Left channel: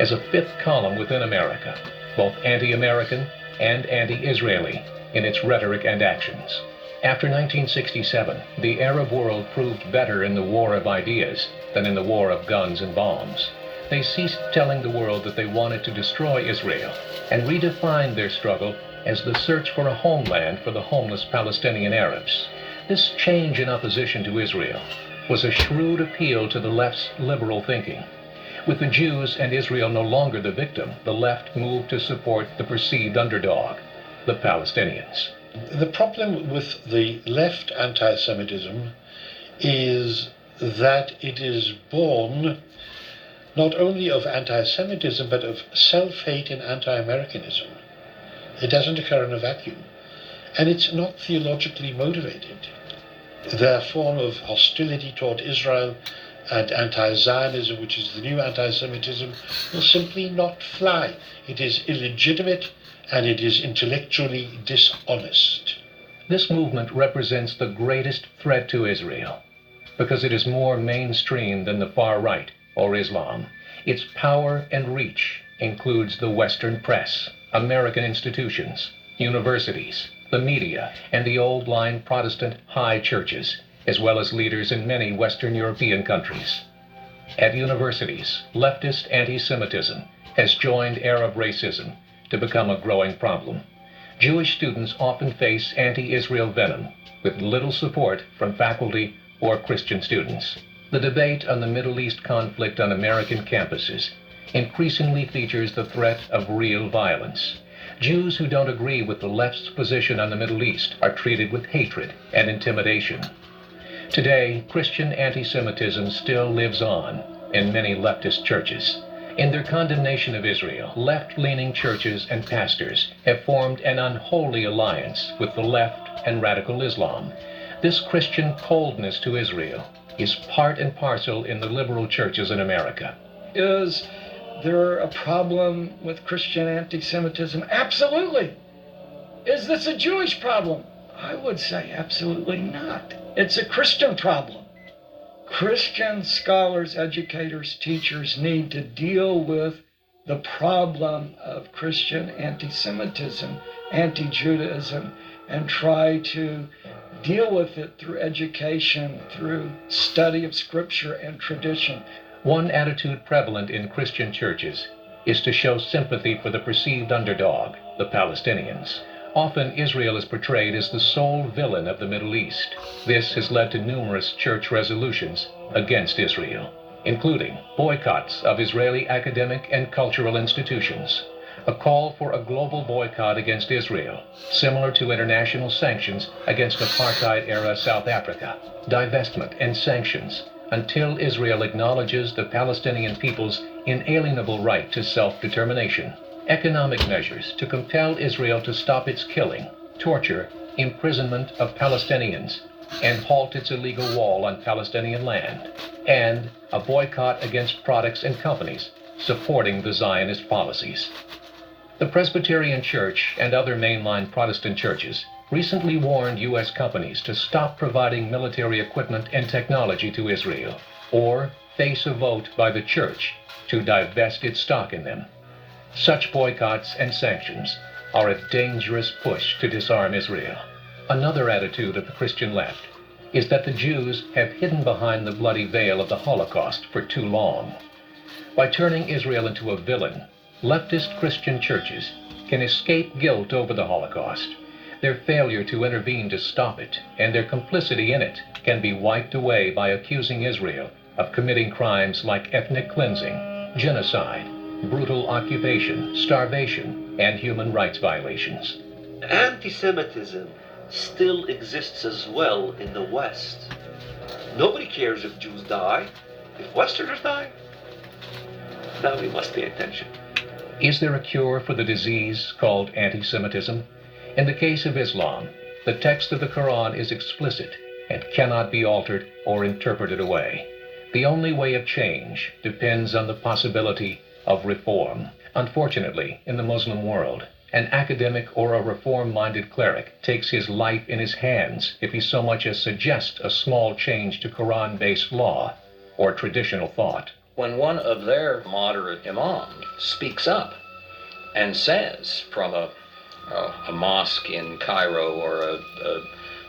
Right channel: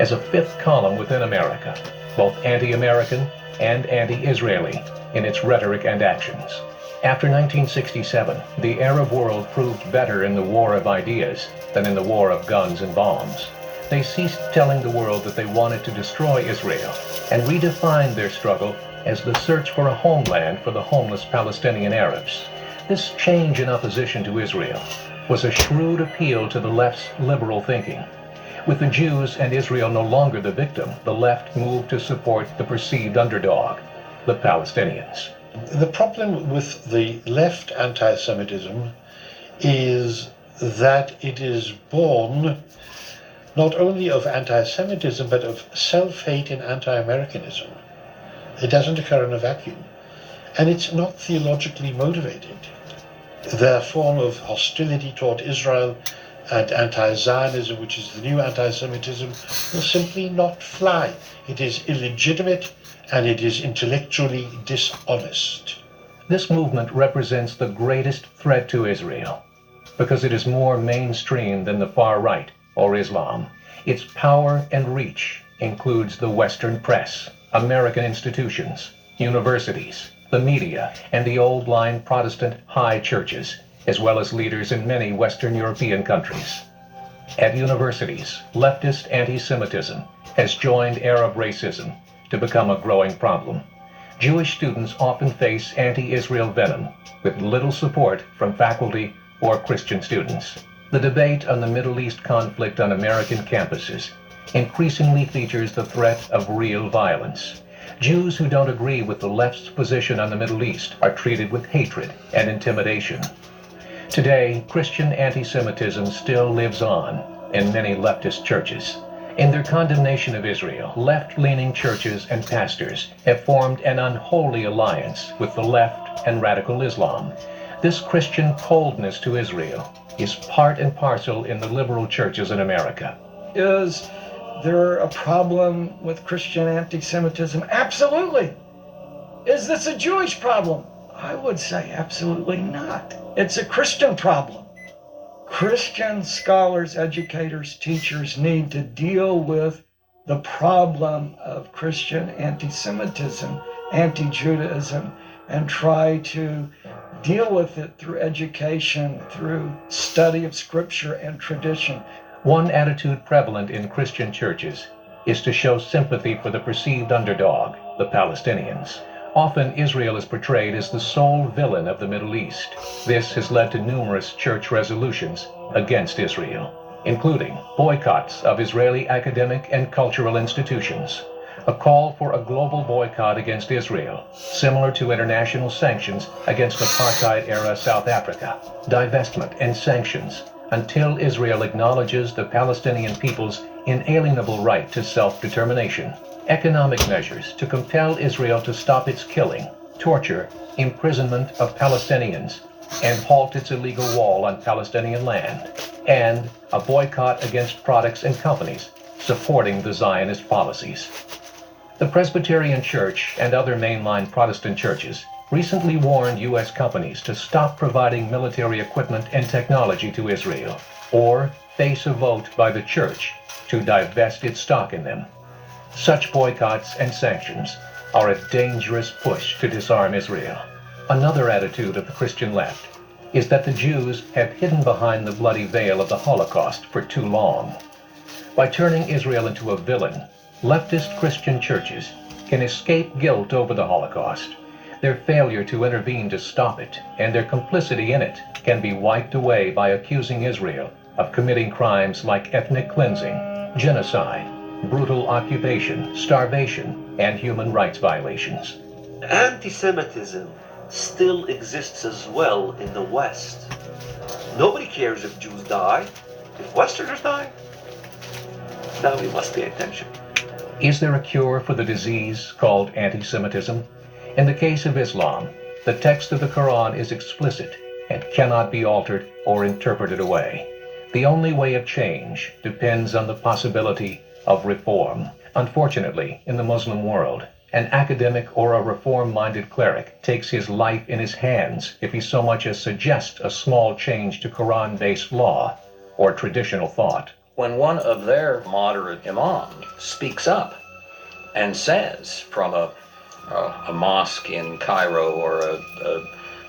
as a fifth column within America, both anti-American and anti-Israeli in its rhetoric and actions. After 1967, the Arab world proved better in the war of ideas than in the war of guns and bombs. They ceased telling the world that they wanted to destroy Israel and redefined their struggle as the search for a homeland for the homeless Palestinian Arabs. This change in opposition to Israel was a shrewd appeal to the left's liberal thinking. With the Jews and Israel no longer the victim, the left moved to support the perceived underdog, the Palestinians. The problem with the left anti-Semitism is that it is born not only of anti-Semitism, but of self-hate and anti-Americanism. It doesn't occur in a vacuum, and it's not theologically motivated. Their form of hostility toward Israel and anti-Zionism, which is the new anti-Semitism, will simply not fly. It is illegitimate and it is intellectually dishonest. This movement represents the greatest threat to Israel because it is more mainstream than the far right or Islam. Its power and reach includes the Western press, American institutions, universities, the media, and the old-line Protestant high churches, as well as leaders in many Western European countries. At universities, leftist anti-Semitism has joined Arab racism to become a growing problem. Jewish students often face anti-Israel venom with little support from faculty or Christian students. The debate on the Middle East conflict on American campuses increasingly features the threat of real violence. Jews who don't agree with the left's position on the Middle East are treated with hatred and intimidation. Today, Christian anti-Semitism still lives on in many leftist churches. In their condemnation of Israel, left-leaning churches and pastors have formed an unholy alliance with the left and radical Islam. This Christian coldness to Israel is part and parcel in the liberal churches in America. Is there a problem with Christian anti-Semitism? Absolutely. Is this a Jewish problem? I would say absolutely not. It's a Christian problem. Christian scholars, educators, teachers need to deal with the problem of Christian anti-Semitism, anti-Judaism, and try to deal with it through education, through study of scripture and tradition. One attitude prevalent in Christian churches is to show sympathy for the perceived underdog, the Palestinians. Often Israel is portrayed as the sole villain of the Middle East. This has led to numerous church resolutions against Israel, including boycotts of Israeli academic and cultural institutions, a call for a global boycott against Israel, similar to international sanctions against apartheid-era South Africa, divestment and sanctions until Israel acknowledges the Palestinian people's inalienable right to self-determination, economic measures to compel Israel to stop its killing, torture, imprisonment of Palestinians, and halt its illegal wall on Palestinian land, and a boycott against products and companies supporting the Zionist policies. The Presbyterian Church and other mainline Protestant churches recently warned U.S. companies to stop providing military equipment and technology to Israel, or face a vote by the church to divest its stock in them. Such boycotts and sanctions are a dangerous push to disarm Israel. Another attitude of the Christian left is that the Jews have hidden behind the bloody veil of the Holocaust for too long. By turning Israel into a villain, leftist Christian churches can escape guilt over the Holocaust. Their failure to intervene to stop it and their complicity in it can be wiped away by accusing Israel of committing crimes like ethnic cleansing, genocide, brutal occupation, starvation, and human rights violations. Anti-Semitism still exists as well in the West. Nobody cares if Jews die, if Westerners die. Now we must pay attention. Is there a cure for the disease called anti-Semitism? In the case of Islam, the text of the Quran is explicit and cannot be altered or interpreted away. The only way of change depends on the possibility of reform. Unfortunately, in the Muslim world, an academic or a reform-minded cleric takes his life in his hands if he so much as suggests a small change to Quran-based law or traditional thought. when one of their moderate imams speaks up and says from a mosque in Cairo or a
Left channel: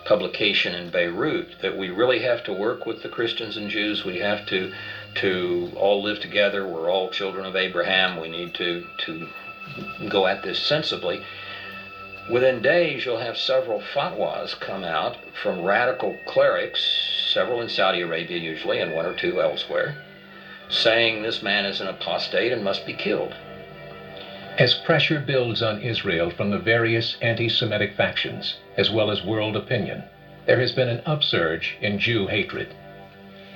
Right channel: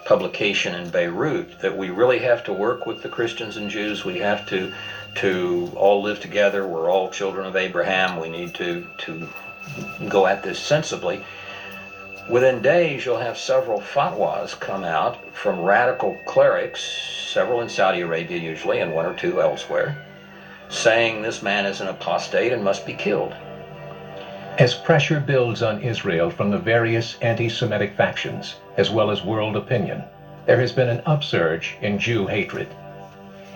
publication in Beirut that we really have to work with the Christians and Jews, we have to all live together, we're all children of Abraham, we need to go at this sensibly. Within days, you'll have several fatwas come out from radical clerics, several in Saudi Arabia usually, and one or two elsewhere, saying this man is an apostate and must be killed. As pressure builds on Israel from the various anti-Semitic factions, as well as world opinion, there has been an upsurge in Jew hatred.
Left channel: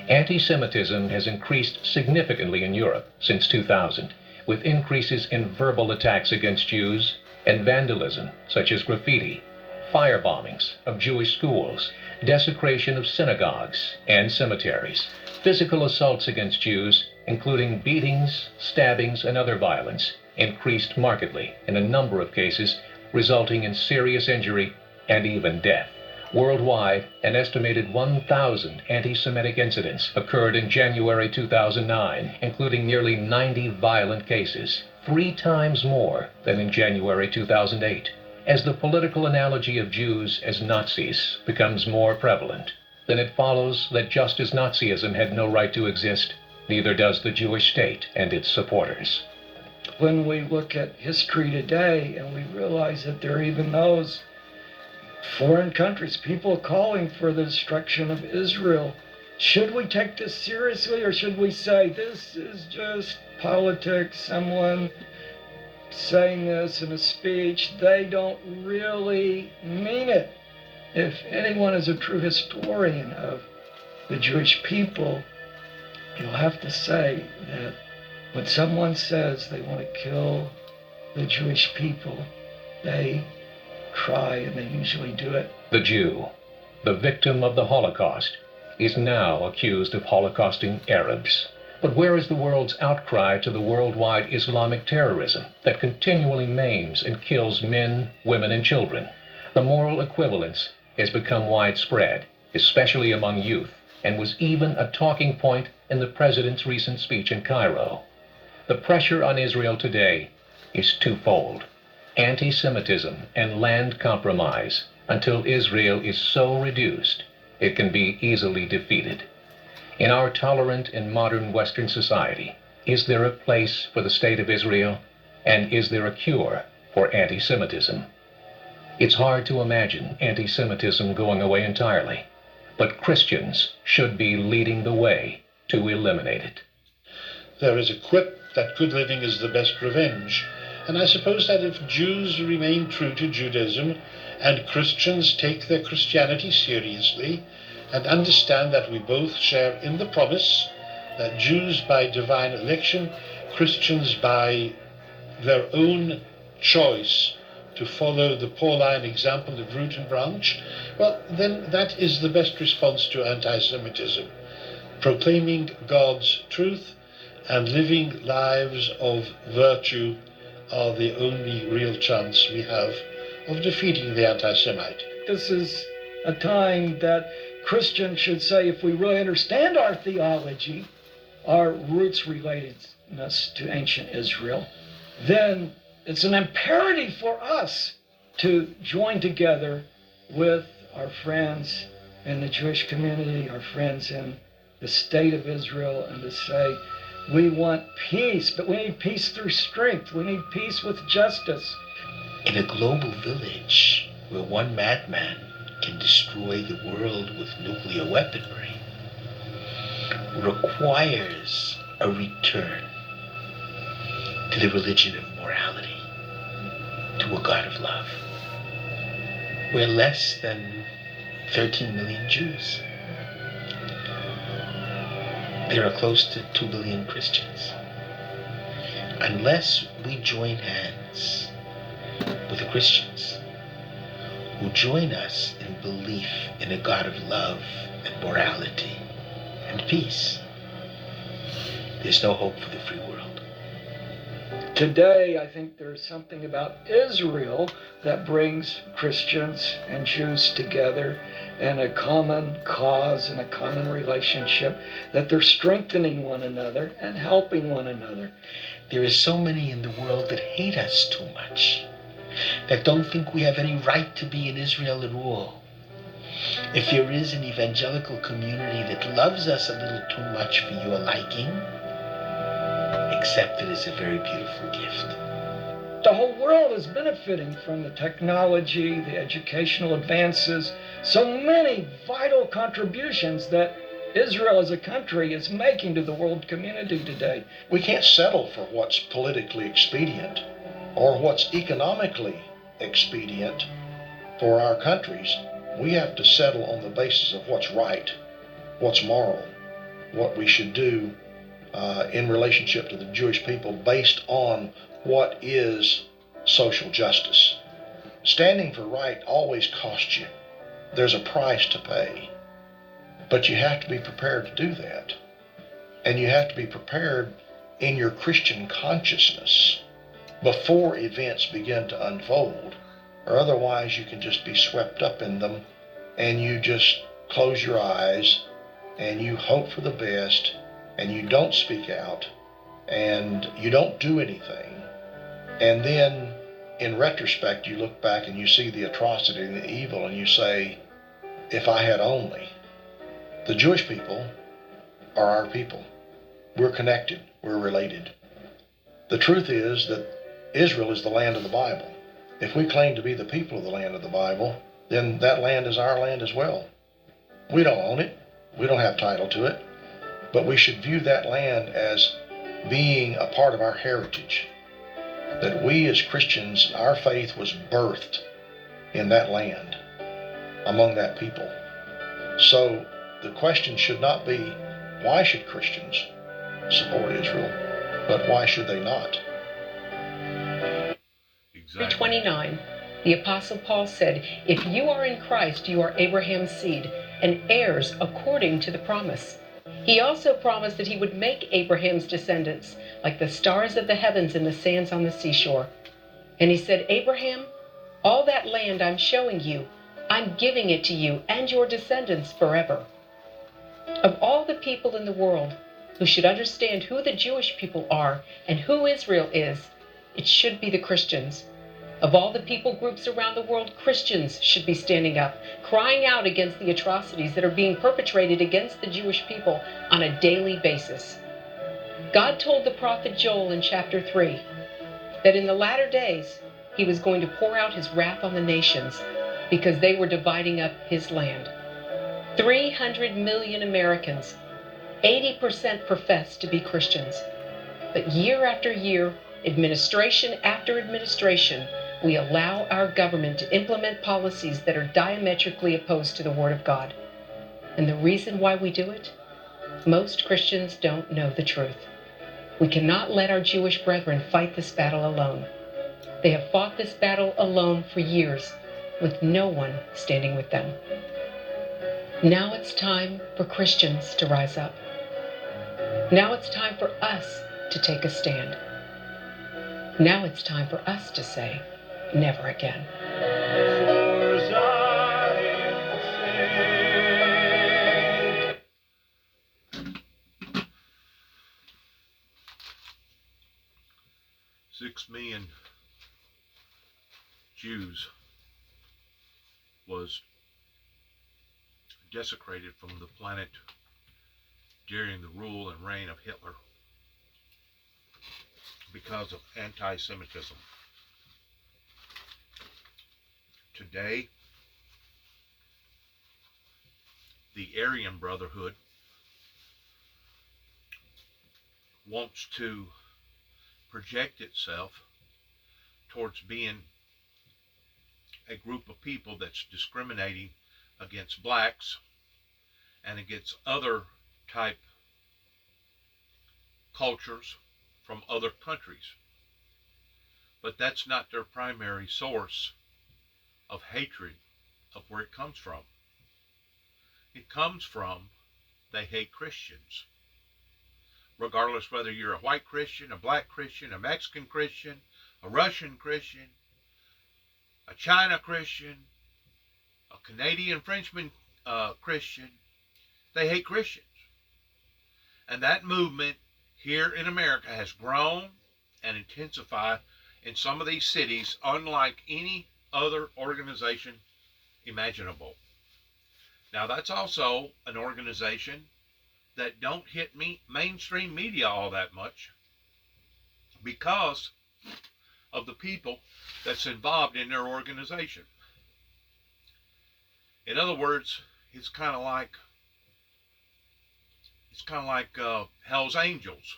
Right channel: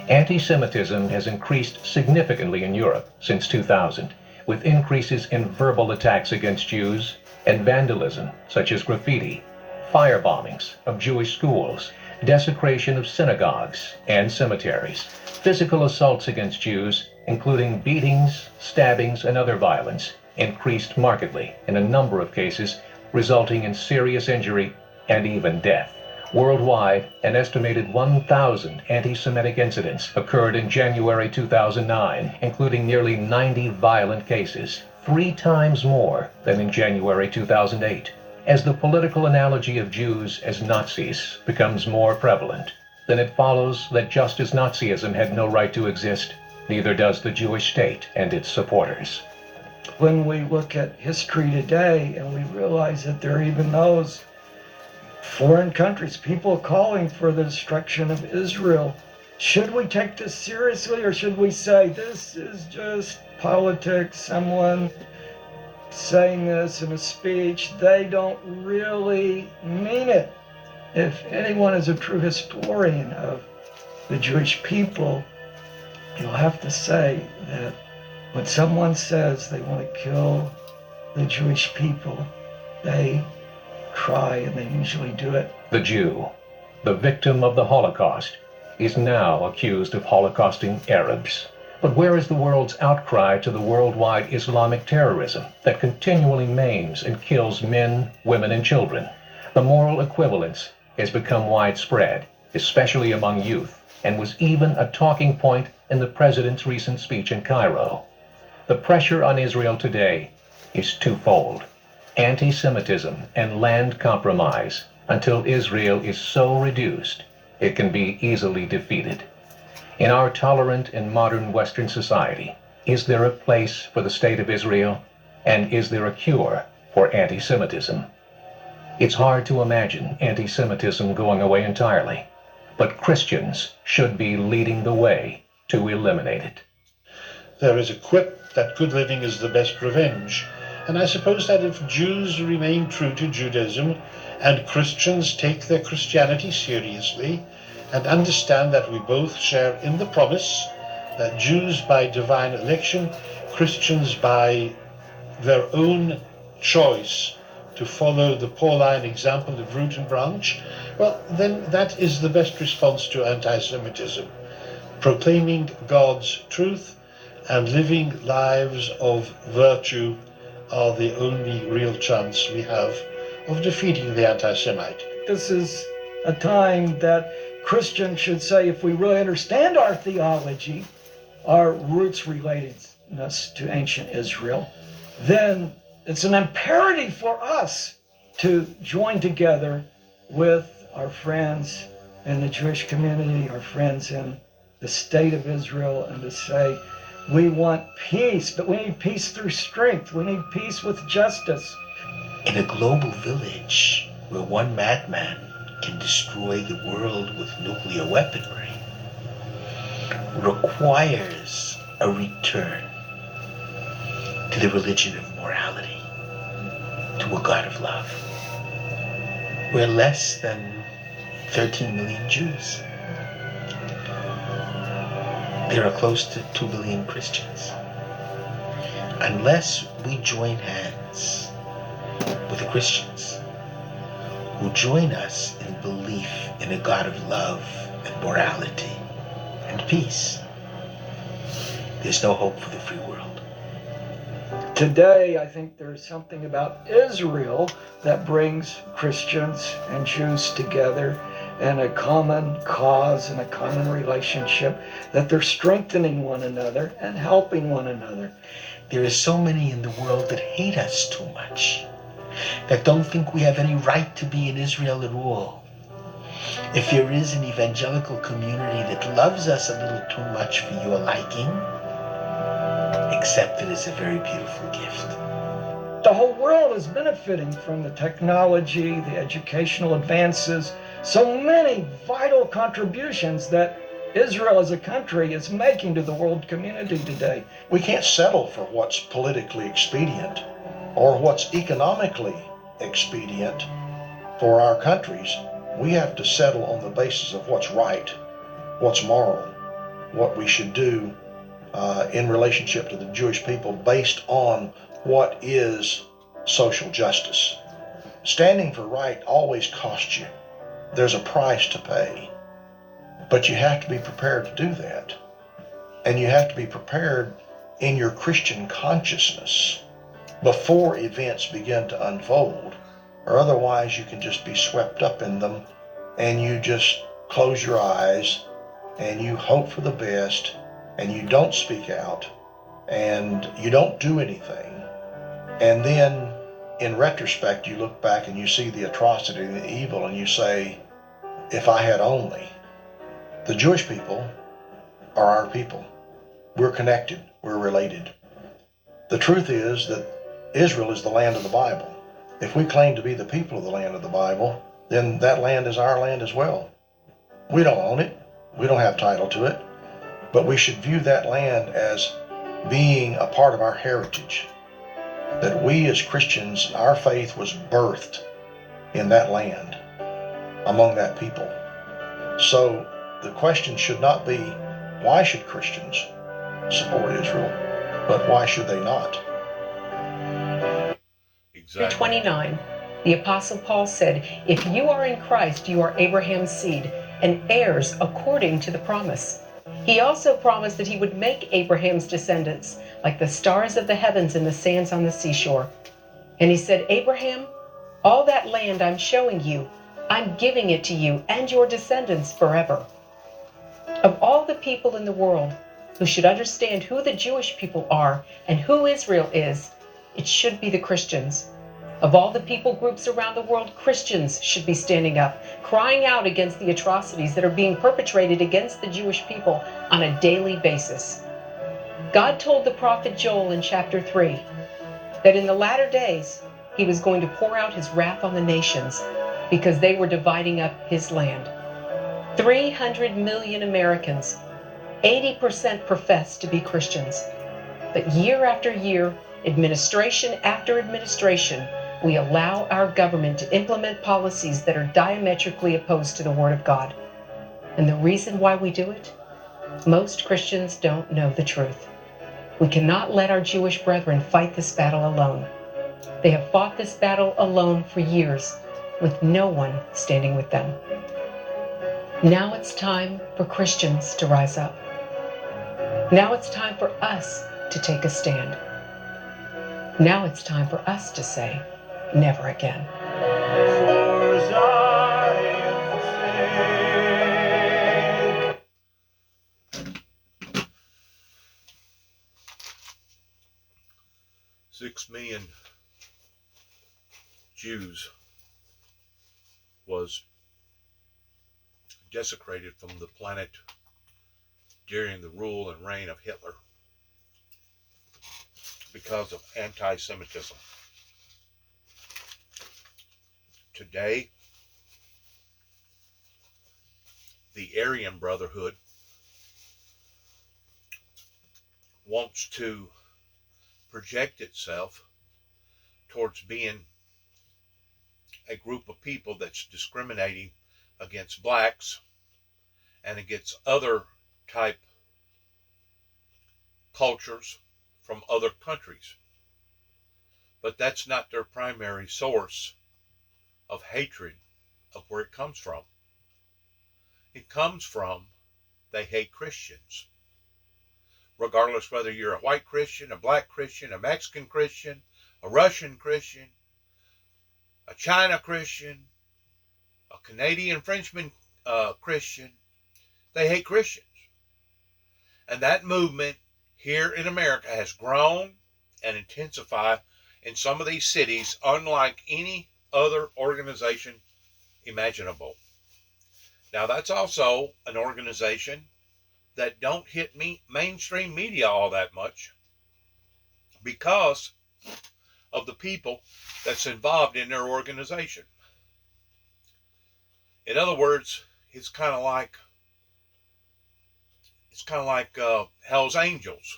Anti-Semitism has increased significantly in Europe since 2000, with increases in verbal attacks against Jews and vandalism, such as graffiti, firebombings of Jewish schools, desecration of synagogues and cemeteries, physical assaults against Jews, including beatings, stabbings, and other violence, increased markedly in a number of cases, resulting in serious injury and even death. Worldwide, an estimated 1,000 anti-Semitic incidents occurred in January 2009, including nearly 90 violent cases, 3 times more than in January 2008. As the political analogy of Jews as Nazis becomes more prevalent, then it follows that just as Nazism had no right to exist, neither does the Jewish state and its supporters. When we look at history today and we realize that there are even those foreign countries, people calling for the destruction of Israel, should we take this seriously, or should we say this is just politics, someone saying this in a speech, they don't really mean it? If anyone is a true historian of the Jewish people, you'll have to say that when someone says they want to kill the Jewish people, they try, and they usually do it. The Jew, the victim of the Holocaust, is now accused of holocausting Arabs. But where is the world's outcry to the worldwide Islamic terrorism that continually maims and kills men, women, and children? The moral equivalence has become widespread, especially among youth, and was even a talking point in the president's recent speech in Cairo. The pressure on Israel today is twofold: anti-Semitism and land compromise, until Israel is so reduced it can be easily defeated. In our tolerant and modern Western society, is there a place for the State of Israel? And is there a cure for anti-Semitism? It's hard to imagine anti-Semitism going away entirely, but Christians should be leading the way to eliminate it. There is a quip that good living is the best revenge. And I suppose that if Jews remain true to Judaism and Christians take their Christianity seriously and understand that we both share in the promise that Jews by divine election, Christians by their own choice to follow the Pauline example of root and branch, well, then that is the best response to anti-Semitism. Proclaiming God's truth and living lives of virtue are the only real chance we have of defeating the anti-Semite. This is a time that Christians should say, if we really understand our theology, our roots relatedness to ancient Israel, then it's an imperative for us to join together with our friends in the Jewish community, our friends in the state of Israel, and to say, we want peace, but we need peace through strength. We need peace with justice. In a global village where one madman can destroy the world with nuclear weaponry, requires a return to the religion of morality, to a God of love. We're less than 13 million Jews. There are close to 2 billion Christians. Unless we join hands with the Christians who join us in belief in a God of love and morality and peace, there's no hope for the free world. Today, I think there's something about Israel that brings Christians and Jews together, and a common cause and a common relationship, that they're strengthening one another and helping one another. There are so many in the world that hate us too much, that don't think we have any right to be in Israel at all. If there is an evangelical community that loves us a little too much for your liking, accept it as a very beautiful gift. The whole world is benefiting from the technology, the educational advances, so many vital contributions that Israel as a country is making to the world community today. We can't settle for what's politically expedient or what's economically expedient for our countries. We have to settle on the basis of what's right, what's moral, what we should do in relationship to the Jewish people based on what is social justice. Standing for right always costs you. There's a price to pay. But you have to be prepared to do that. And you have to be prepared in your Christian consciousness before events begin to unfold, or otherwise you can just be swept up in them and you just close your eyes and you hope for the best and you don't speak out and you don't do anything. And then in retrospect you look back and you see the atrocity and the evil and you say, if I had only. The Jewish people are our people. We're connected. We're related. The truth is that Israel is the land of the Bible. If we claim to be the people of the land of the Bible, then that land is our land as well. We don't own it. We don't have title to it. But we should view that land as being a part of our heritage. That we as Christians, our faith was birthed in that land, among that people. So the question should not be, why should Christians support Israel? But why should they not? Exactly. 29, the Apostle Paul said, if you are in Christ, you are Abraham's seed and heirs according to the promise. He also promised that he would make Abraham's descendants like the stars of the heavens and the sands on the seashore. And he said, Abraham, all that land I'm showing you, I'm giving it to you and your descendants forever. Of all the people in the world who should understand who the Jewish people are and who Israel is, it should be the Christians. Of all the people groups around the world, Christians should be standing up, crying out against the atrocities that are being perpetrated against the Jewish people on a daily basis. God told the prophet Joel in chapter 3 that in the latter days he was going to pour out his wrath on the nations because they were dividing up his land. 300 million Americans, 80% profess to be Christians. But year after year, administration after administration, we allow our government to implement policies that are diametrically opposed to the Word of God. And the reason why we do it? Most Christians don't know the truth. We cannot let our Jewish brethren fight this battle alone. They have fought this battle alone for years, with no one standing with them. Now it's time for Christians to rise up. Now it's time for us to take a stand. Now it's time for us to say, never again. For Zion's sake. 6 million Jews was desecrated from the planet during the rule and reign of Hitler because of anti-Semitism. Today, the Aryan Brotherhood wants to project itself towards being a group of people that's discriminating against blacks and against other type cultures from other countries. But that's not their primary source of hatred of where it comes from. It comes from they hate Christians. Regardless whether you're a white Christian, a black Christian, a Mexican Christian, a Russian Christian, a China Christian, a Canadian Frenchman Christian. They hate Christians. And that movement here in America has grown and intensified in some of these cities unlike any other organization imaginable. Now, that's also an organization that don't hit mainstream media all that much because of the people that's involved in their organization. In other words, it's kind of like Hell's Angels,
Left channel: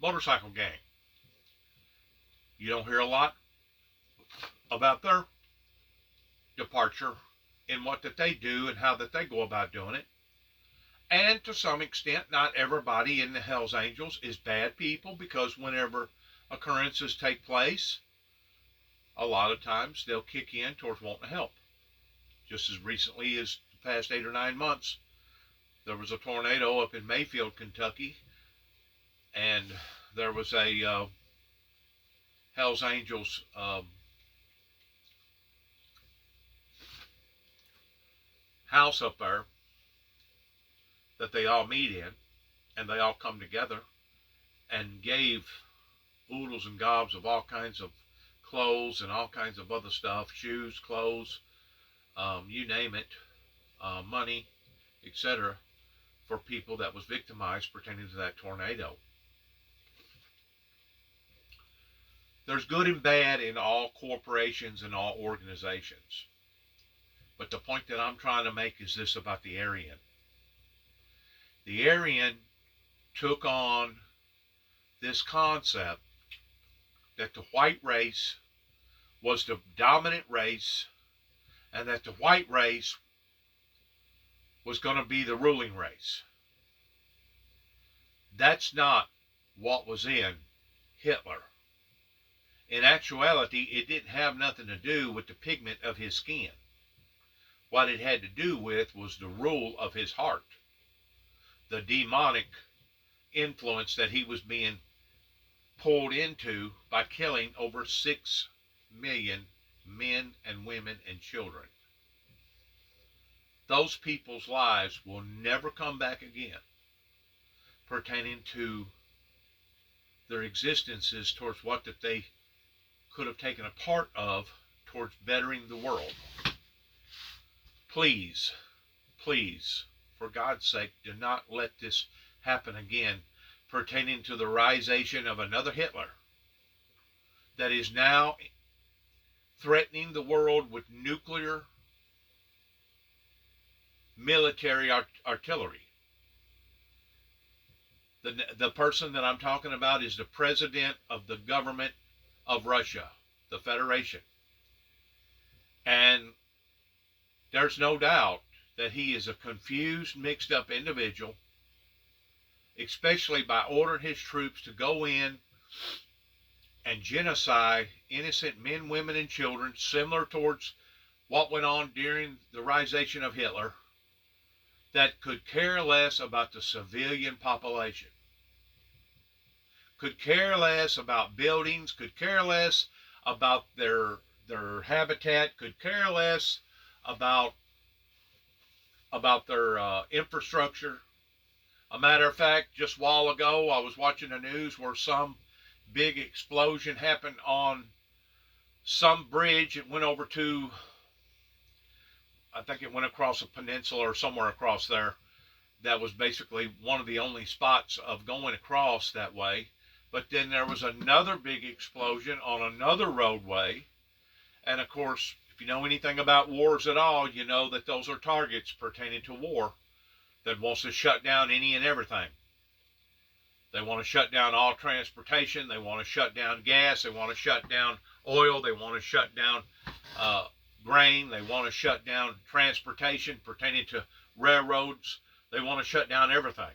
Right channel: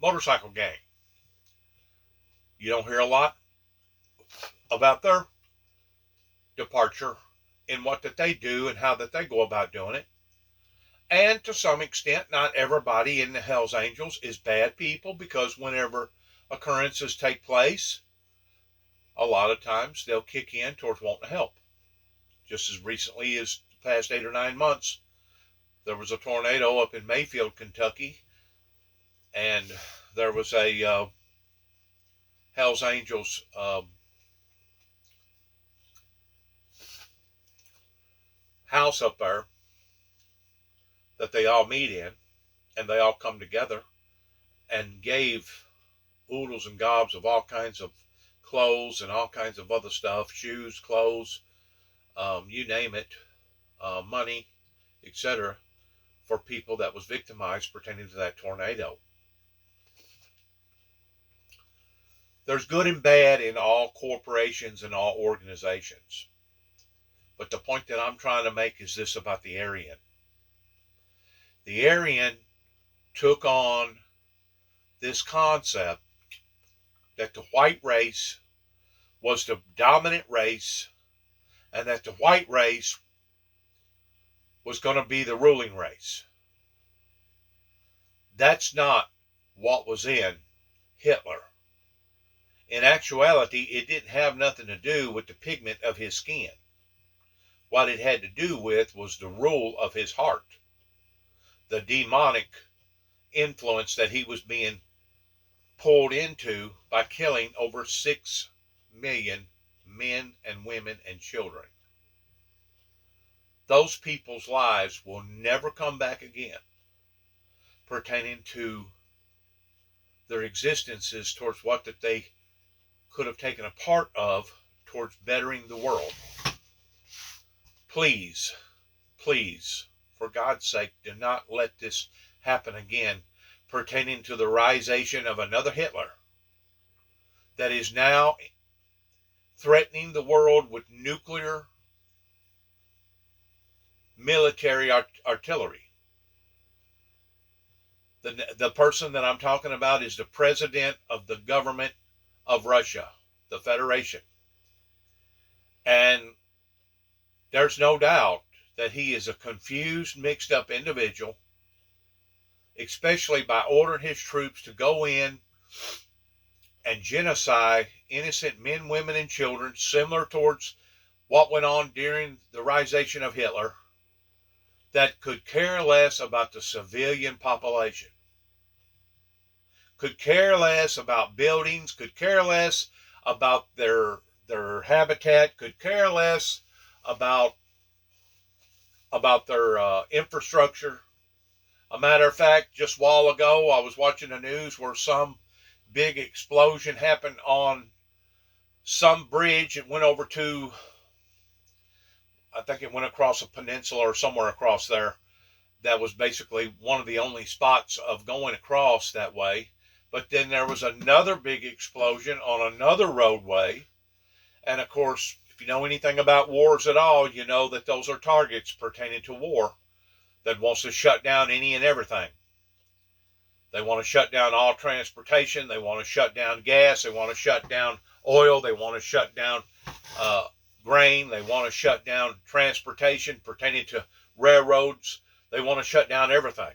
motorcycle gang. You don't hear a lot about their departure in what that they do and how that they go about doing it. And to some extent, not everybody in the Hells Angels is bad people, because whenever occurrences take place, a lot of times they'll kick in towards wanting to help. Just as recently as the past 8 or 9 months, there was a tornado up in Mayfield, Kentucky, and there was a Hells Angels house up there that they all meet in, and they all come together and gave oodles and gobs of all kinds of clothes and all kinds of other stuff, shoes, clothes, you name it, money, etc., for people that was victimized pertaining to that tornado. There's good and bad in all corporations and all organizations. But the point that I'm trying to make is this about the Aryan. The Aryan took on this concept that the white race was the dominant race and that the white race was going to be the ruling race. That's not what was in Hitler. In actuality, it didn't have nothing to do with the pigment of his skin. What it had to do with was the rule of his heart, the demonic influence that he was being pulled into by killing over 6 million men and women and children. Those people's lives will never come back again pertaining to their existences towards what that they could have taken a part of towards bettering the world. Please, please, for God's sake, do not let this happen again pertaining to the risation of another Hitler that is now threatening the world with nuclear military artillery. The person that I'm talking about is the president of the government of Russia, the Federation. And there's no doubt that he is a confused, mixed up individual, especially by ordering his troops to go in and genocide innocent men, women, and children, similar towards what went on during the risation of Hitler, that could care less about the civilian population, could care less about buildings, could care less about their habitat, could care less about their infrastructure. A matter of fact, just a while ago, I was watching the news where some big explosion happened on some bridge. It went over to, I think it went across a peninsula or somewhere across there. That was basically one of the only spots of going across that way. But then there was another big explosion on another roadway. And of course, if you know anything about wars at all, you know that those are targets pertaining to war that wants to shut down any and everything. They want to shut down all transportation. They want to shut down gas. They want to shut down oil. They want to shut down grain. They want to shut down transportation pertaining to railroads. They want to shut down everything.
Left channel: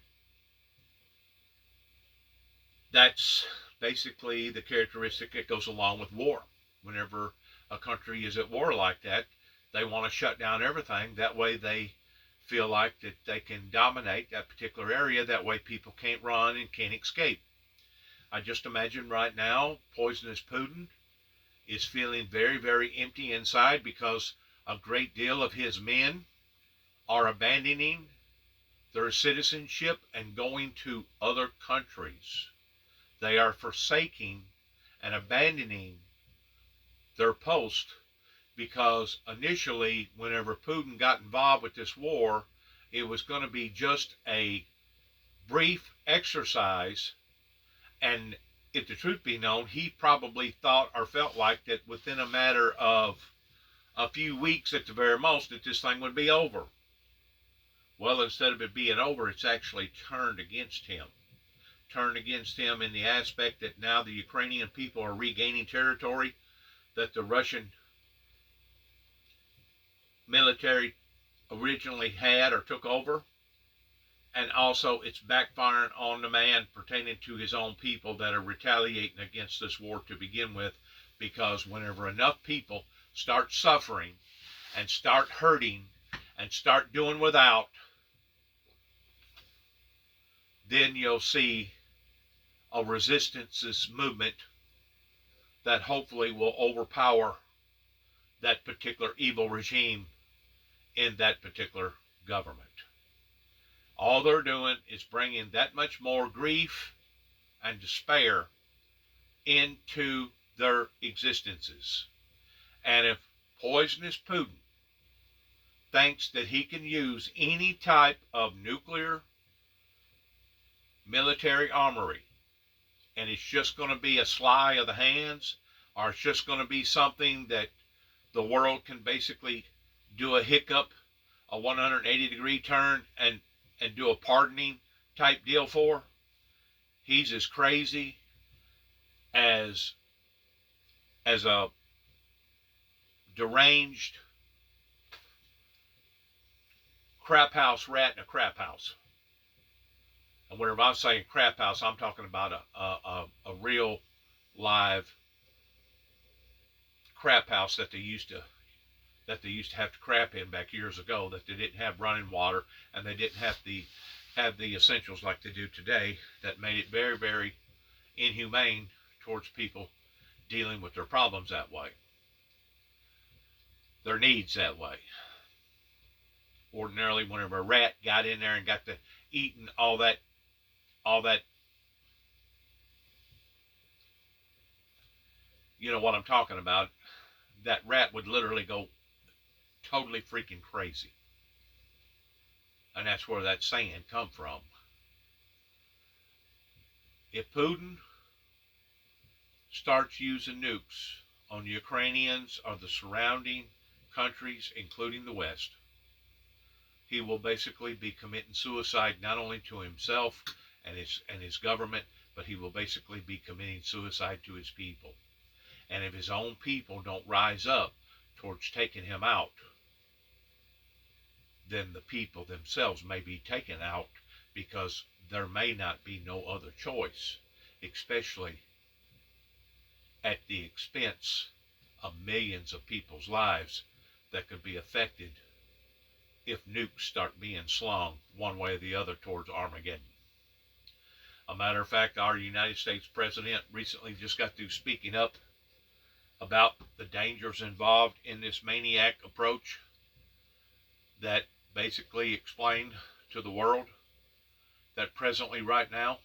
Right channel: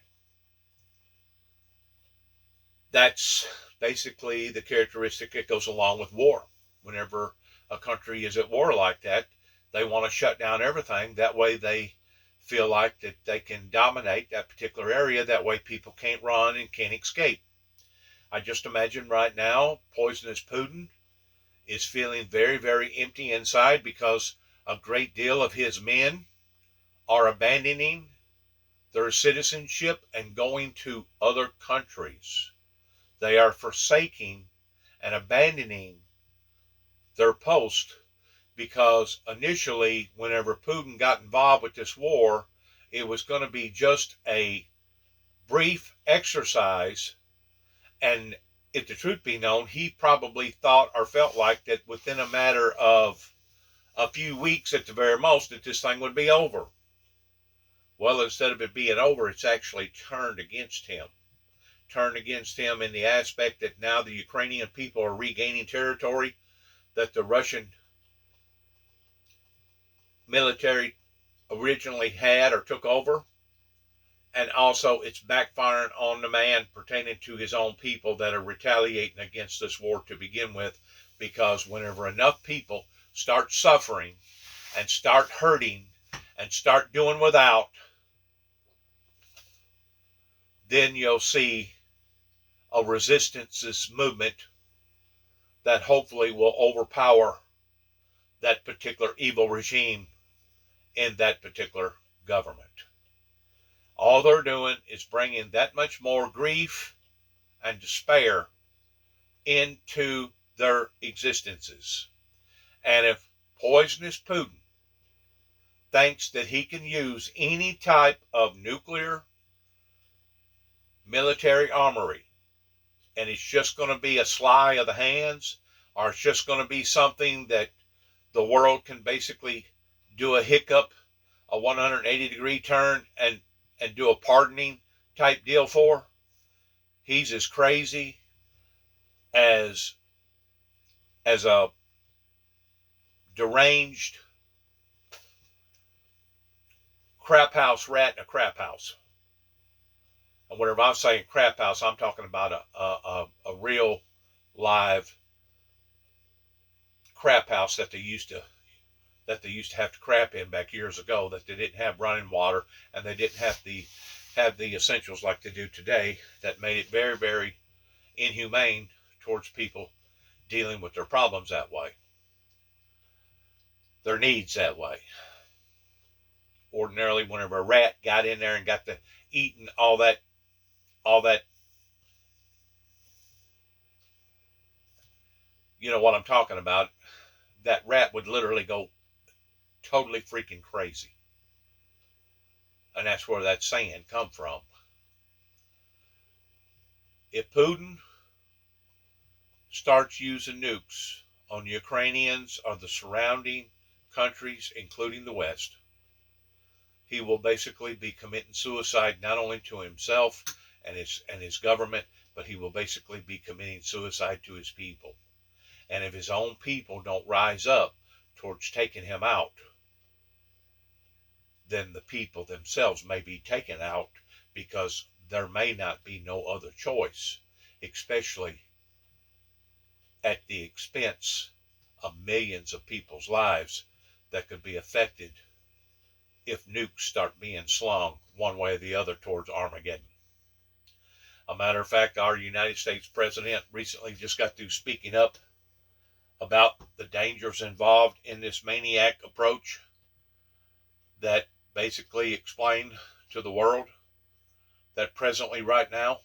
That's basically the characteristic that goes along with war. Whenever a country is at war like that, they want to shut down everything. That way they feel like that they can dominate that particular area. That way people can't run and can't escape. I just imagine right now, poisonous Putin is feeling very, very empty inside because a great deal of his men are abandoning their citizenship and going to other countries. They are forsaking and abandoning their post because initially, whenever Putin got involved with this war, it was going to be just a brief exercise. And if the truth be known, he probably thought or felt like that within a matter of a few weeks at the very most, that this thing would be over. Well, instead of it being over, it's actually turned against him. Turned against him in the aspect that now the Ukrainian people are regaining territory that the Russian military originally had or took over. And also it's backfiring on the man pertaining to his own people that are retaliating against this war to begin with, because whenever enough people start suffering and start hurting and start doing without, then you'll see a resistance movement that hopefully will overpower that particular evil regime in that particular government. All they're doing is bringing that much more grief and despair into their existences. And if poisonous Putin thinks that he can use any type of nuclear military armory, and it's just going to be a sleight of the hands, or it's just going to be something that the world can basically do a hiccup, a 180-degree turn, and do a pardoning type deal for, he's as crazy as a deranged crap house rat in a crap house. And whenever I'm saying crap house, I'm talking about a real live crap house that they used to have to crap in back years ago, that they didn't have running water and they didn't have the essentials like they do today, that made it very, very inhumane towards people dealing with their problems that way, their needs that way. Ordinarily, whenever a rat got in there and got to eating all that, you know what I'm talking about, that rat would literally go totally freaking crazy. And that's where that saying come from. If Putin starts using nukes on Ukrainians or the surrounding countries, including the West, he will basically be committing suicide not only to himself and his government, but he will basically be committing suicide to his people. And if his own people don't rise up towards taking him out, then the people themselves may be taken out, because there may not be no other choice, especially at the expense of millions of people's lives that could be affected if nukes start being slung one way or the other towards Armageddon. A matter of fact, our United States President recently just got through speaking up about the dangers involved in this maniac approach, that basically explained to the world that presently right now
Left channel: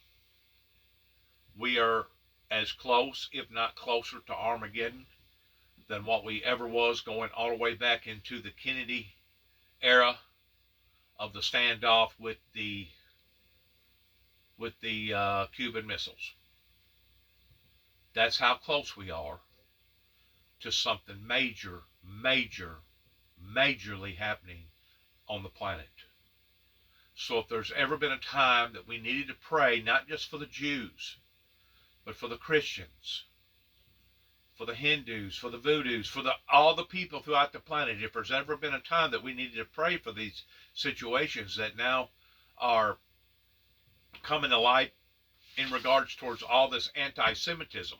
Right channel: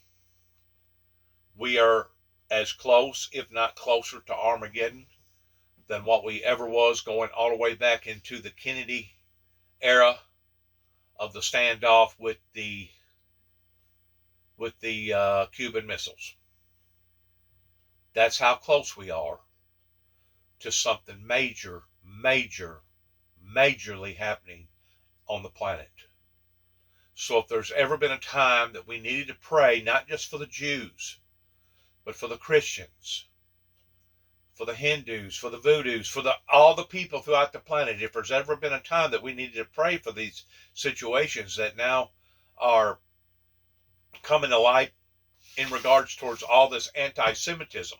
we are as close, if not closer, to Armageddon than what we ever was, going all the way back into the Kennedy era of the standoff with the Cuban missiles. That's how close we are to something majorly happening on the planet. So if there's ever been a time that we needed to pray, not just for the Jews, but for the Christians, for the Hindus, for the Voodoos, for all the people throughout the planet, if there's ever been a time that we needed to pray for these situations that now are coming to light in regards towards all this anti-Semitism.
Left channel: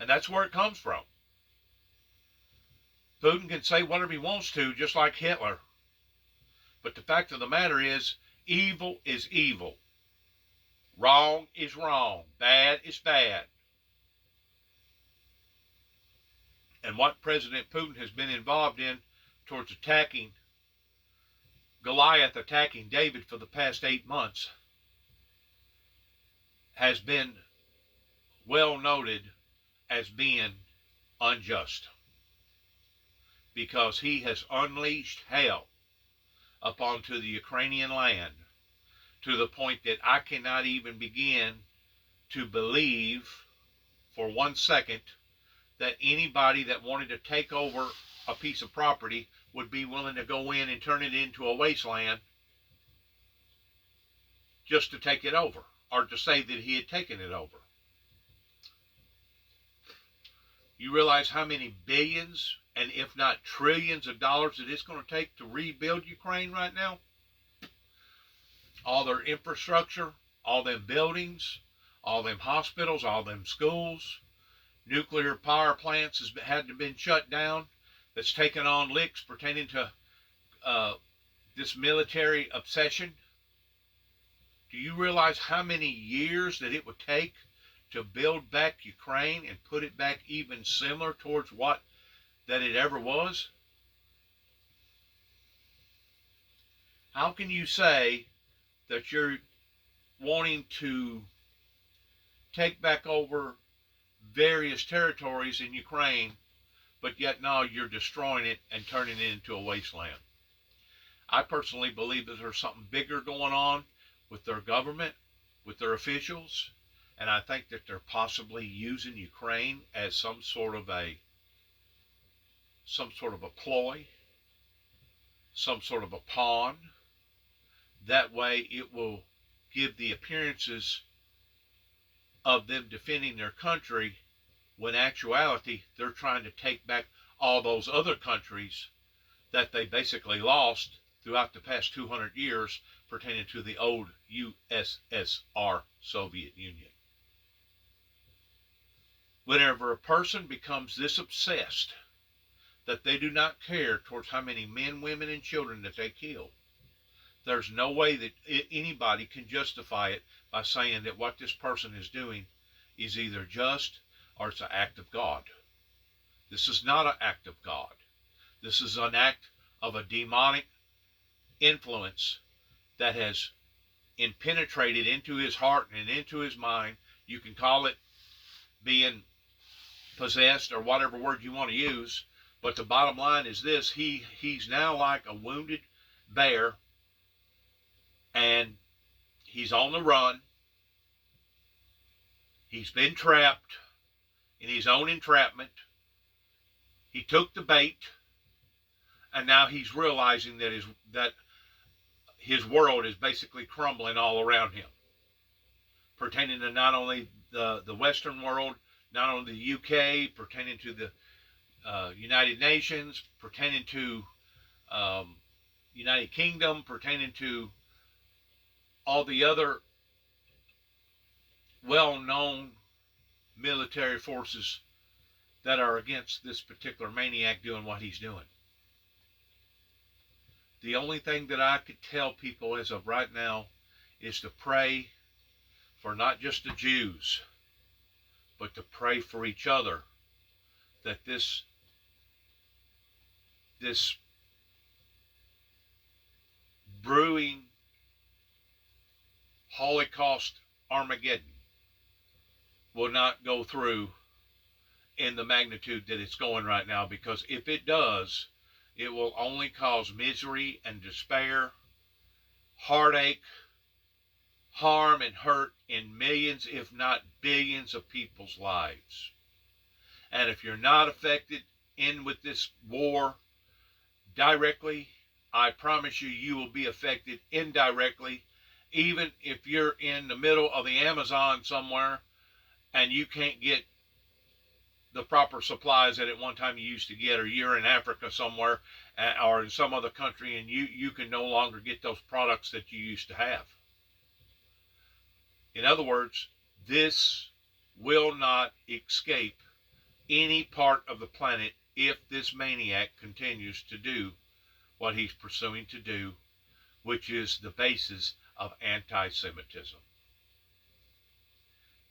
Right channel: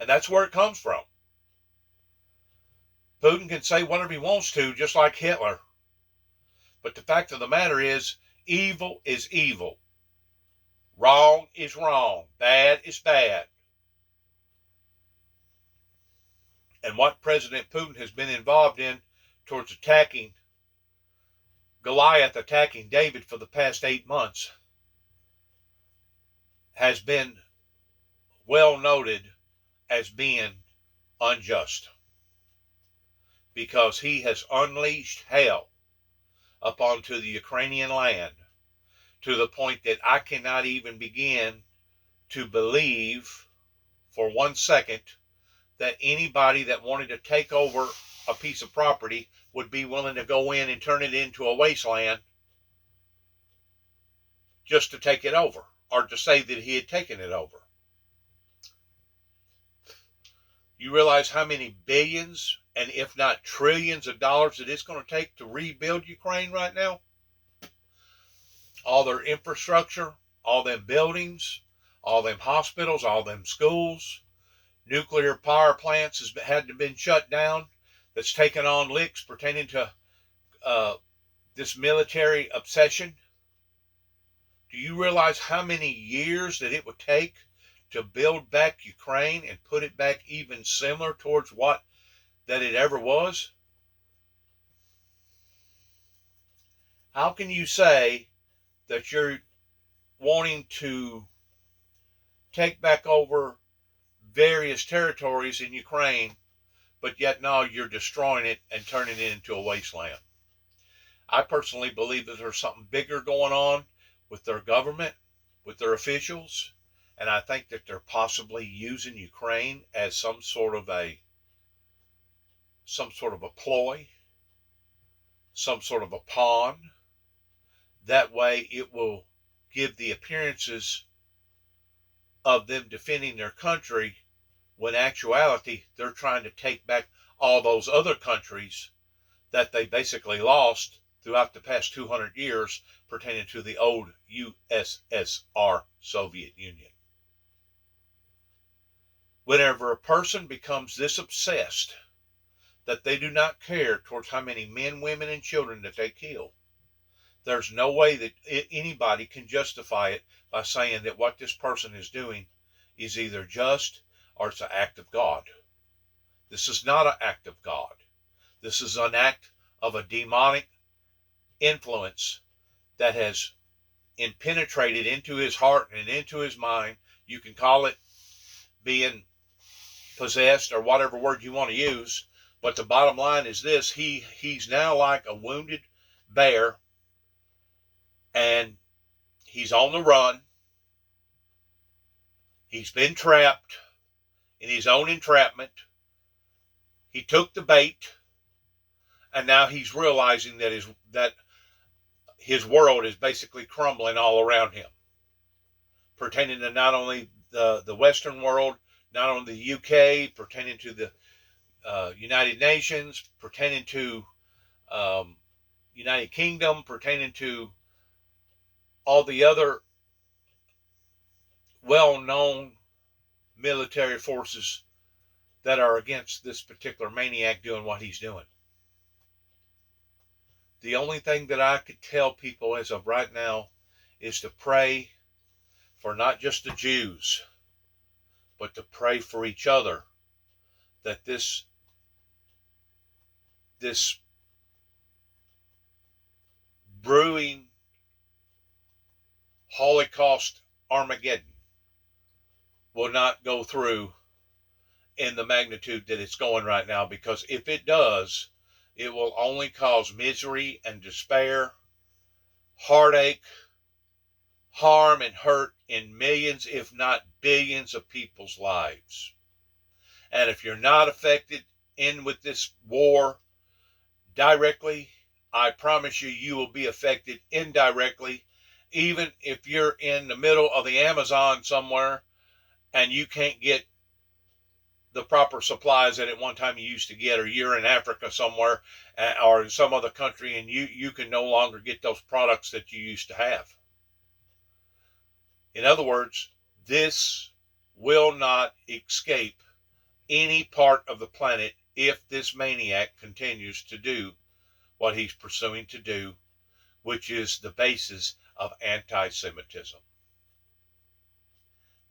And that's where it comes from. Putin can say whatever he wants to, just like Hitler. But the fact of the matter is, evil is evil. Wrong is wrong. Bad is bad. And what President Putin has been involved in towards attacking Goliath attacking David for the past 8 months has been well noted as being unjust, because he has unleashed hell upon the Ukrainian land to the point that I cannot even begin to believe for 1 second that anybody that wanted to take over a piece of property would be willing to go in and turn it into a wasteland just to take it over, or to say that he had taken it over. You realize how many billions, and if not trillions of dollars that it's going to take to rebuild Ukraine right now? All their infrastructure, all them buildings, all them hospitals, all them schools, nuclear power plants has had to been shut down. That's taken on licks pertaining to this military obsession. Do you realize how many years that it would take to build back Ukraine and put it back even similar towards what that it ever was? How can you say that you're wanting to take back over various territories in Ukraine, but yet now you're destroying it and turning it into a wasteland? I personally believe that there's something bigger going on with their government, with their officials, and I think that they're possibly using Ukraine as some sort of a ploy, some sort of a pawn. That way it will give the appearances of them defending their country, when in actuality they're trying to take back all those other countries that they basically lost throughout the past 200 years pertaining to the old USSR, Soviet Union. Whenever a person becomes this obsessed that they do not care towards how many men, women, and children that they kill, there's no way that anybody can justify it by saying that what this person is doing is either just or it's an act of God. This is not an act of God. This is an act of a demonic influence that has penetrated into his heart and into his mind. You can call it being possessed or whatever word you want to use, but the bottom line is this: he's now like a wounded bear, and he's on the run. He's been trapped in his own entrapment. He took the bait, and now he's realizing that his world is basically crumbling all around him, pertaining to not only the Western world, not only the UK, pertaining to the United Nations, pertaining to United Kingdom, pertaining to all the other well-known military forces that are against this particular maniac doing what he's doing. The only thing that I could tell people as of right now is to pray for not just the Jews, but to pray for each other, that this brewing Holocaust Armageddon will not go through in the magnitude that it's going right now, because if it does, it will only cause misery and despair, heartache, harm, and hurt in millions, if not billions, of people's lives. And if you're not affected in with this war directly, I promise you, you will be affected indirectly. Even if you're in the middle of the Amazon somewhere and you can't get the proper supplies that at one time you used to get, or you're in Africa somewhere or in some other country and you can no longer get those products that you used to have. In other words, this will not escape any part of the planet if this maniac continues to do what he's pursuing to do, which is the basis of anti-Semitism.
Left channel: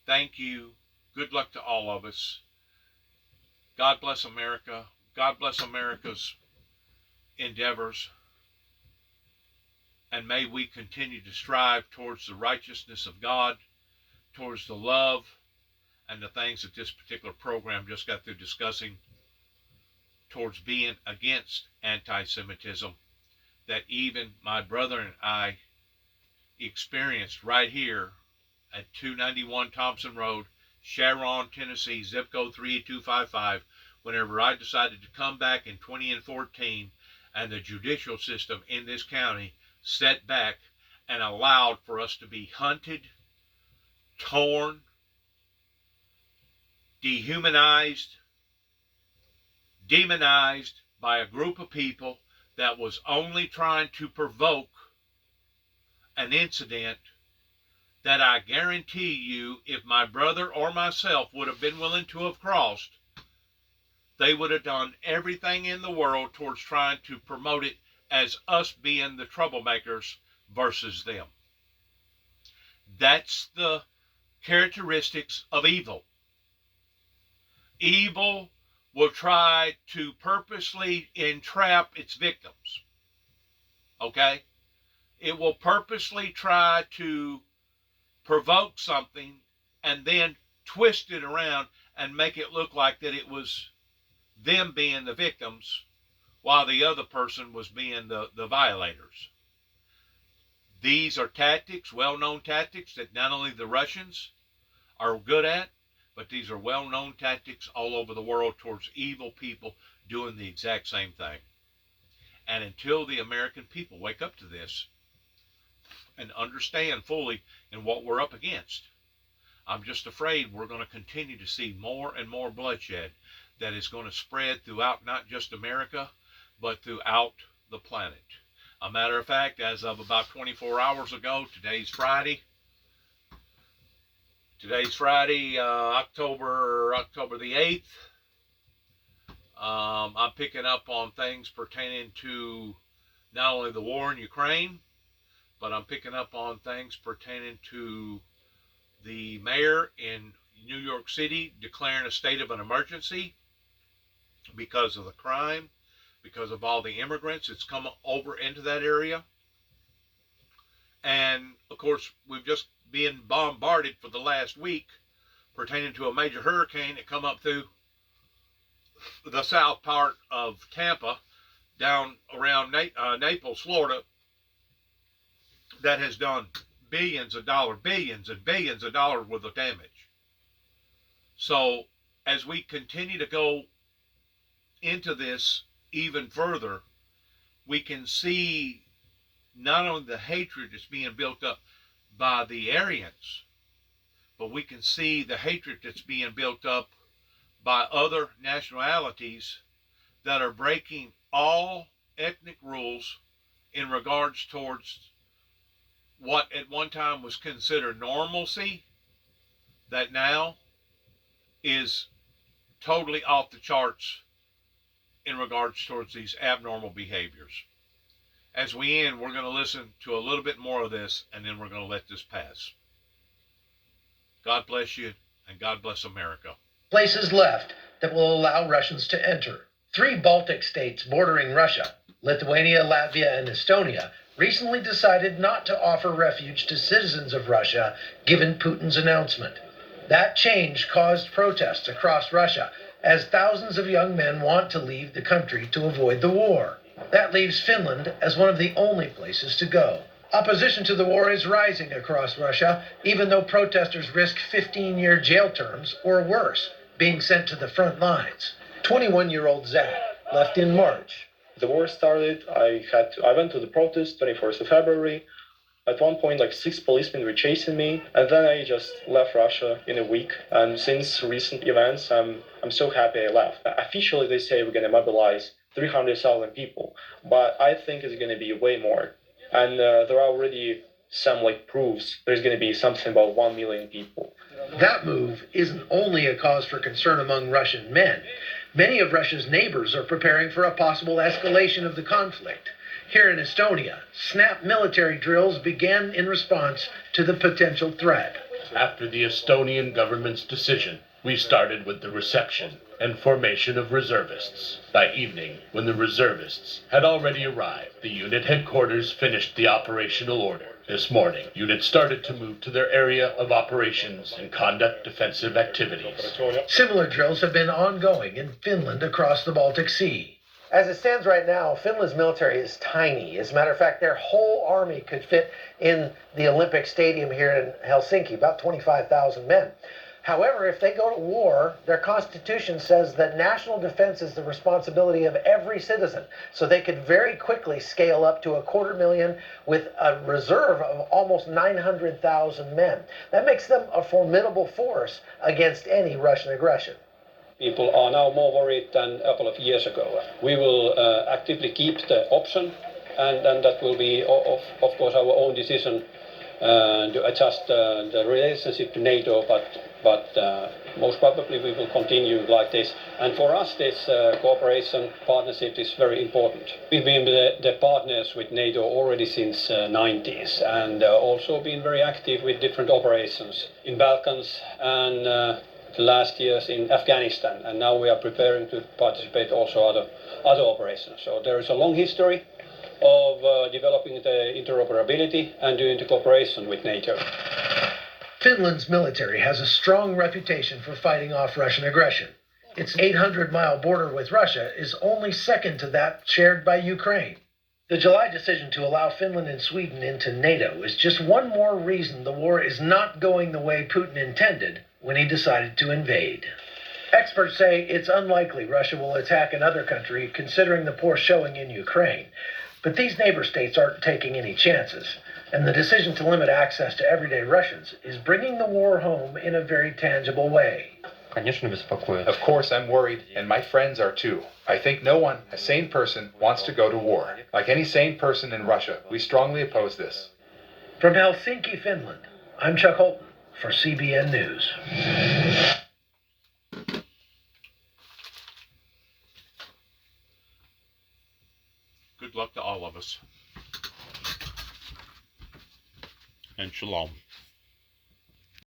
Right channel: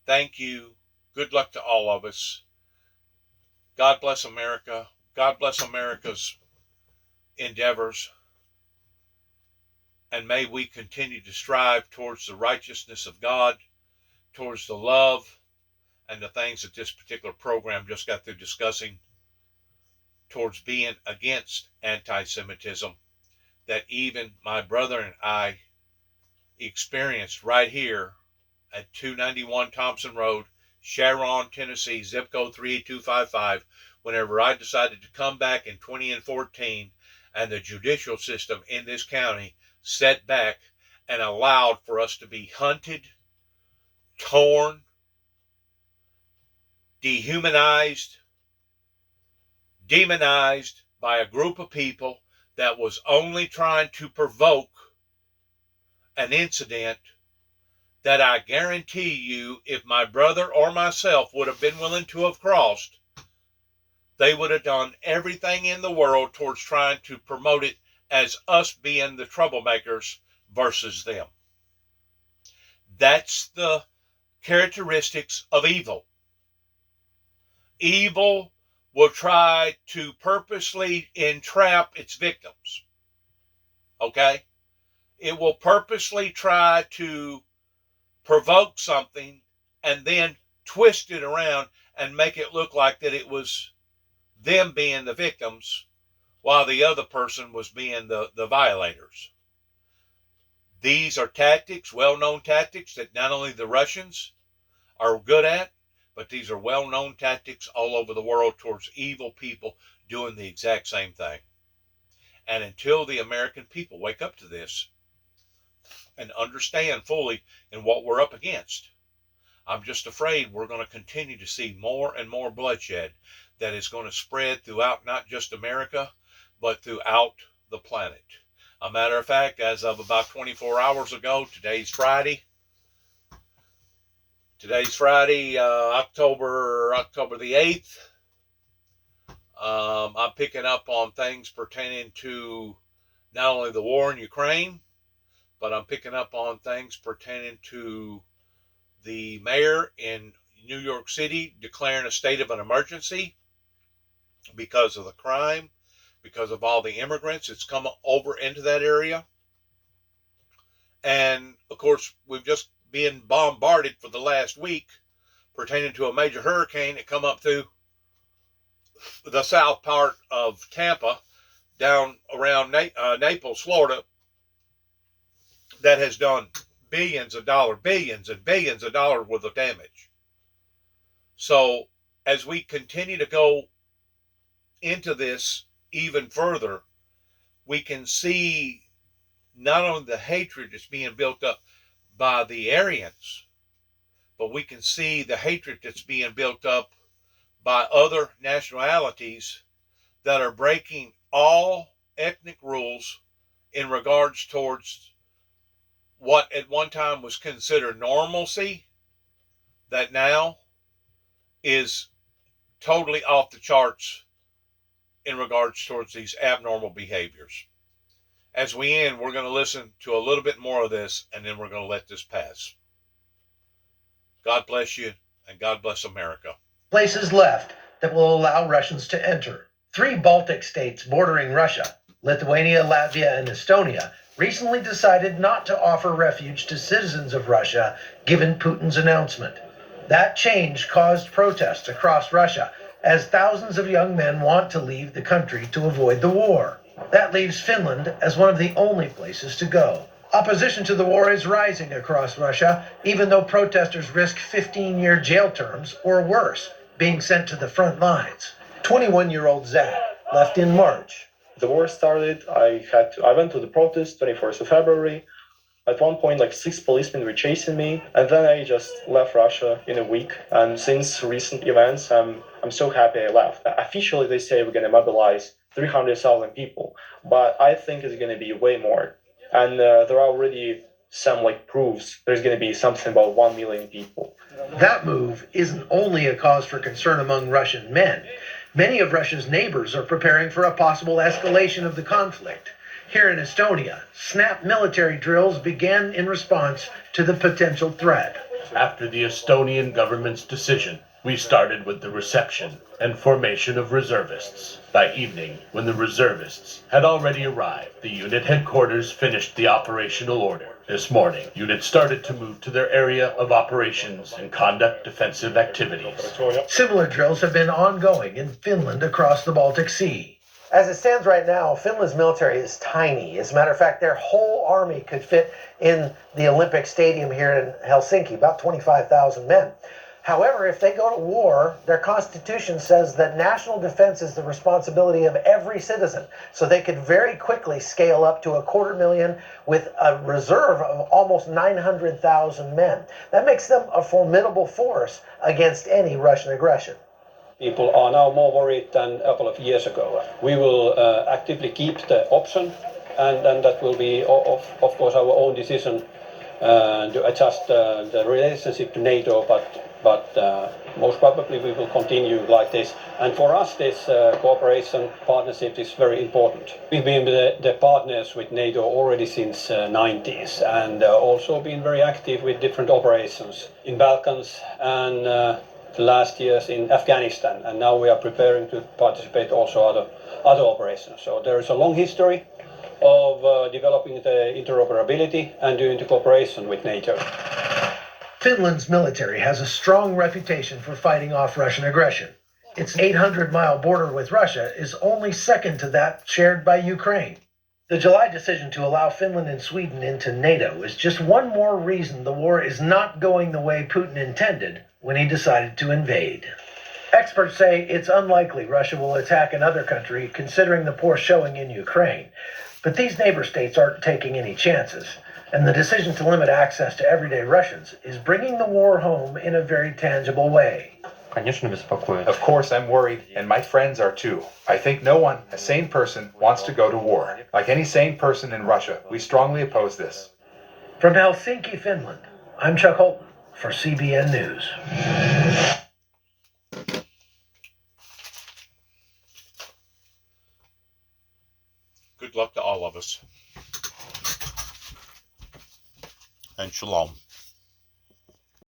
Thank you. Good luck to all of us. God bless America. God bless America's endeavors. And may we continue to strive towards the righteousness of God, towards the love and the things that this particular program just got through discussing, towards being against anti-Semitism, that even my brother and I experienced right here at 291 Thompson Road, Sharon, Tennessee, zip code 38255, whenever I decided to come back in 2014 and the judicial system in this county set back and allowed for us to be hunted, torn, dehumanized, demonized by a group of people that was only trying to provoke an incident that I guarantee you, if my brother or myself would have been willing to have crossed, they would have done everything in the world towards trying to promote it as us being the troublemakers versus them. That's the characteristics of evil. Evil will try to purposely entrap its victims. Okay? It will purposely try to provoke something and then twist it around and make it look like that it was them being the victims while the other person was being the violators. These are tactics, well-known tactics, that not only the Russians are good at, but these are well-known tactics all over the world towards evil people doing the exact same thing. And until the American people wake up to this and understand fully in what we're up against, I'm just afraid we're going to continue to see more and more bloodshed that is going to spread throughout not just America, but throughout the planet. A matter of fact, as of about 24 hours ago, today's Friday, October the 8th. I'm picking up on things pertaining to not only the war in Ukraine, but I'm picking up on things pertaining to the mayor in New York City declaring a state of an emergency because of the crime, because of all the immigrants that's come over into that area. And of course, we've just been bombarded for the last week pertaining to a major hurricane that come up through the south part of Tampa down around Naples, Florida, that has done billions and billions of dollars worth of damage. So as we continue to go into this even further, we can see not only the hatred that's being built up by the Aryans, but we can see the hatred that's being built up by other nationalities that are breaking all ethnic rules in regards towards what at one time was considered normalcy, that now is totally off the charts in regards towards these abnormal behaviors. As we end, we're going to listen to a little bit more of this, and then we're going to let this pass. God bless you, and God bless America. Places left that will allow Russians to enter. 3 Baltic states bordering Russia, Lithuania, Latvia, and Estonia, recently decided not to offer refuge to citizens of Russia, given Putin's announcement. That change caused protests across Russia, as thousands of young men want to leave the country to avoid the war. That leaves Finland as one of the only places to go. Opposition to the war is rising across Russia, even though protesters risk 15-year jail terms or worse, being sent to the front lines. 21-year-old Zach left in March. The war started. I went to the protest 24th of February. At one point, like 6 policemen were chasing me, and then I just left Russia in a week. And since recent events, I'm so happy I left. Officially, they say we're going to mobilize 300,000 people, but I think it's going to be way more. And there are already some proofs. There's going to be something about 1 million people. That move isn't only a cause for concern among Russian men. Many of Russia's neighbors are preparing for a possible escalation of the conflict. Here in Estonia, snap military drills began in response to the potential threat. After the Estonian government's decision We started with the reception and formation of reservists. By evening, when the reservists had already arrived, the unit headquarters finished the operational order. This morning, units started to move to their area of operations and conduct defensive activities. Similar drills have been ongoing in Finland across the Baltic Sea. As it stands right now, Finland's military is tiny. As a matter of fact, their whole army could fit in the Olympic Stadium here in Helsinki, about 25,000 men. However, if they go to war, their constitution says that national defense is the responsibility of every citizen. So they could very quickly scale up to 250,000 with a reserve of almost 900,000 men. That makes them a formidable force against any Russian aggression. People are now more worried than a couple of years ago. We will actively keep the option, and that will be, of course, our own decision to adjust the relationship to NATO, but most probably we will continue like this. And for us, this cooperation partnership is very important. We've been the partners with NATO already since 90s, and also been very active with different operations in Balkans and last years in Afghanistan, and now we are preparing to participate also other operations. So there is a long history of developing the interoperability and doing the cooperation with NATO. Finland's military has a strong reputation for fighting off Russian aggression. Its 800-mile border with Russia is only second to that shared by Ukraine. The July decision to allow Finland and Sweden into NATO is just one more reason the war is not going the way Putin intended when he decided to invade. Experts say it's unlikely Russia will attack another country, considering the poor showing in Ukraine. But these neighbor states aren't taking any chances, and the decision to limit access to everyday Russians is bringing the war home in a very tangible way. Of course, I'm worried, and my friends are too. I think no one, a sane person, wants to go to war. Like any sane person in Russia, we strongly oppose this. From Helsinki, Finland, I'm Chuck Holton for CBN News. Good luck to all of us. And shalom.